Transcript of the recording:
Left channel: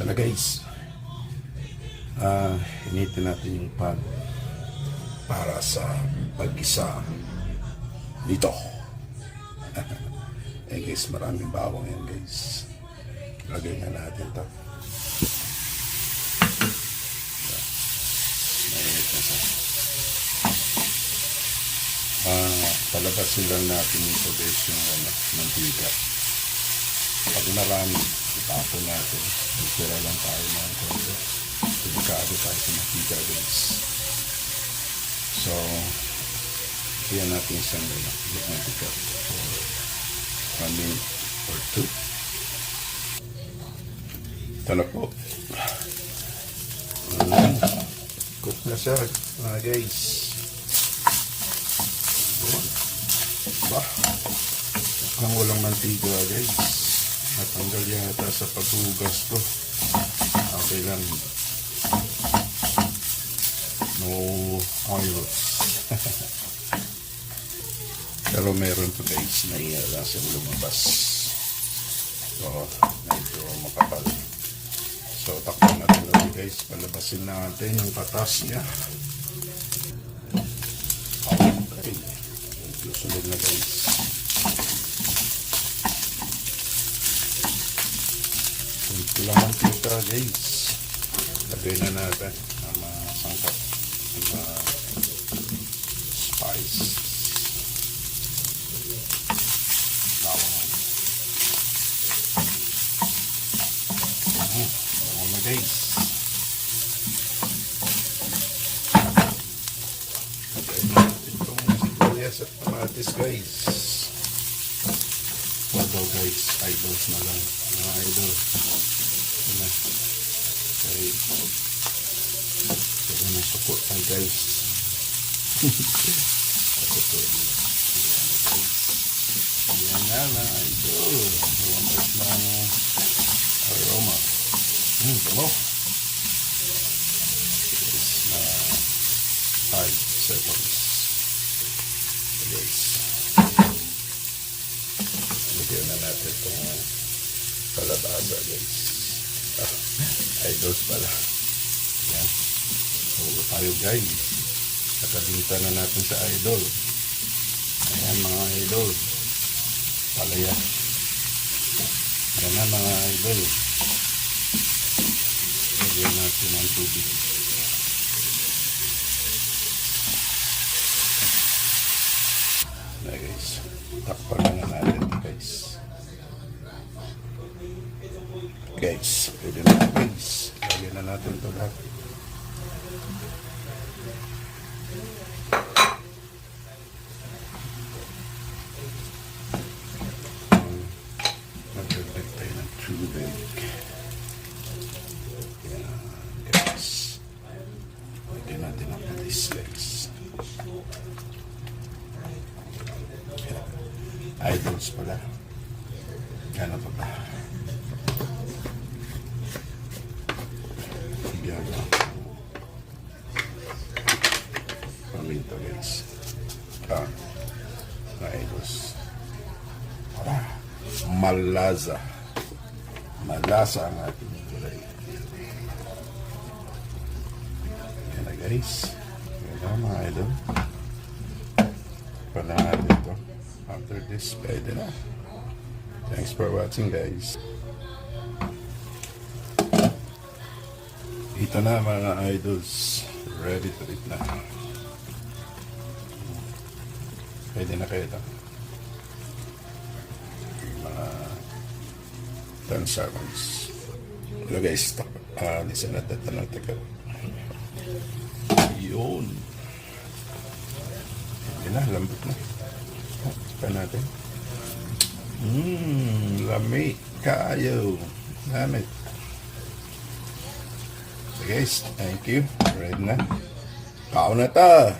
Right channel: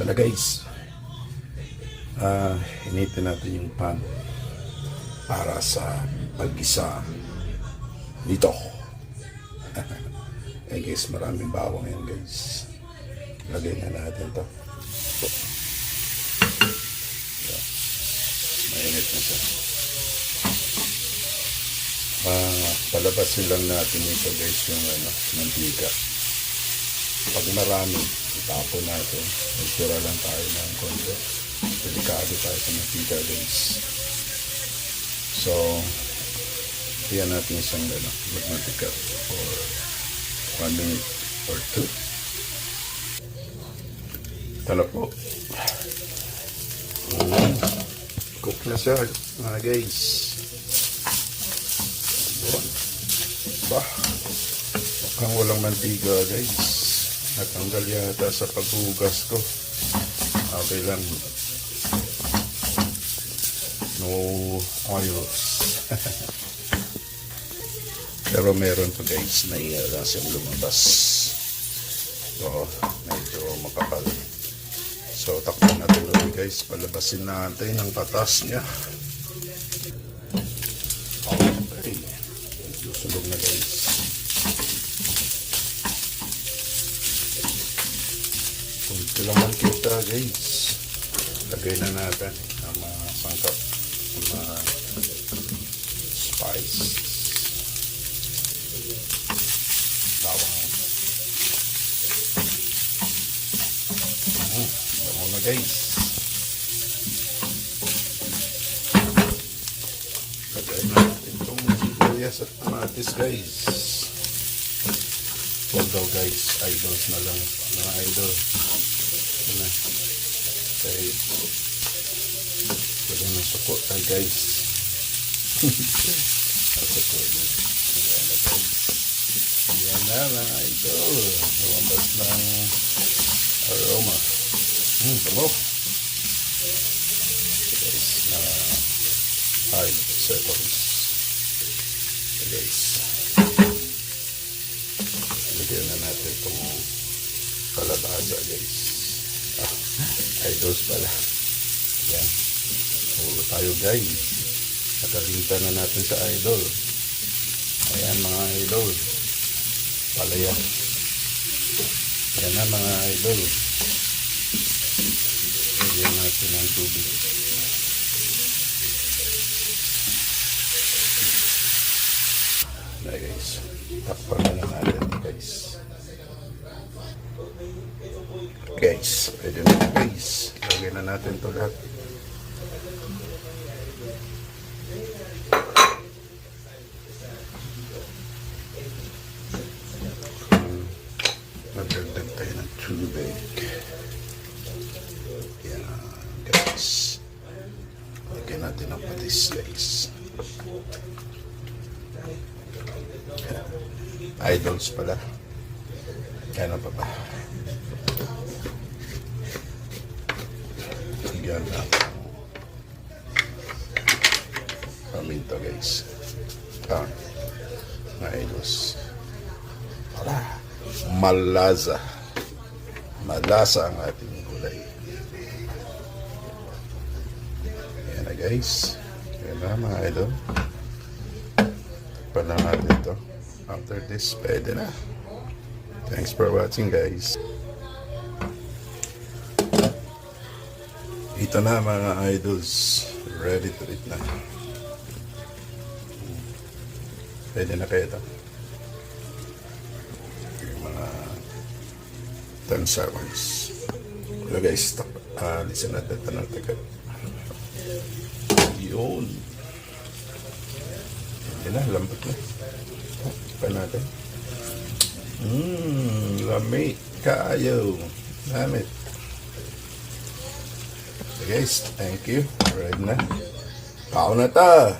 Ito na guys. Initin natin yung pan para sa pag-isa dito. Guys, maraming bawang yan guys. Lagay na natin to. Mainit na siya. Palabasin lang natin ito guys yung mantika. Pag marami, itapon natin. Magtira lang tayo ng konti. Delikado tayo sa mantika guys. So, iyan natin isang mantika for 1 minute or 2. Ito na po. Cook na siya mga guys. Bah, mukhang walang mantika guys. Natanggal yata sa paghugas ko. Okay lang. No oils. Pero meron to guys. Naiya siyang lumabas. So, medyo makapal. So, takpan natin ulit guys. Palabasin natin ang katas niya. Okay. Medyo sunog na guys. Kunti lang mantika guys. Lagay na natin ang mga sangkap. Ang mga spice. Bawang. Bango na guys. Lagay natin itong sibuyas at kamatis guys. Huwag daw guys, idols na lang. Mga idol. Ano? Okay. Kaya na suko tayo guys. Suko din. Ayan na guys. Ayan na mga idol. Lumabas ng aroma. Bango. Guys, na 5 seconds. Okay, guys. Lagyan na natin itong kalabasa guys. Idols pala. Ayan. Hulo tayo guys. Nakabinta na natin sa idol. Ayan mga idol. Palaya. Ayan na mga idol. Lagyan natin ang tubig. Na guys. Takpan na natin guys. Guys, pwede na guys. Lagyan na natin ito lahat. Magdagdag tayo ng tubig. Yan guys. Lagyan natin ang patis guys. Idols pala. Yan pa ba? Yan na. Paminta guys. Mga idols. Para malasa. Malasa ang ating gulay. Yan na guys. Yan na mga idol. Pa na natin ito. After this, pwede na. Thanks for watching guys. Ito na mga idols. Ready to eat na. Pwede na kayo ito. Mga 10 seconds. Wala guys, stop. Listen natin ito ng tagal. Yun. Pwede na, lambot na. Pa natin. Lamig kayo. Lamig. So guys, thank you. Ready na. Kao na ta.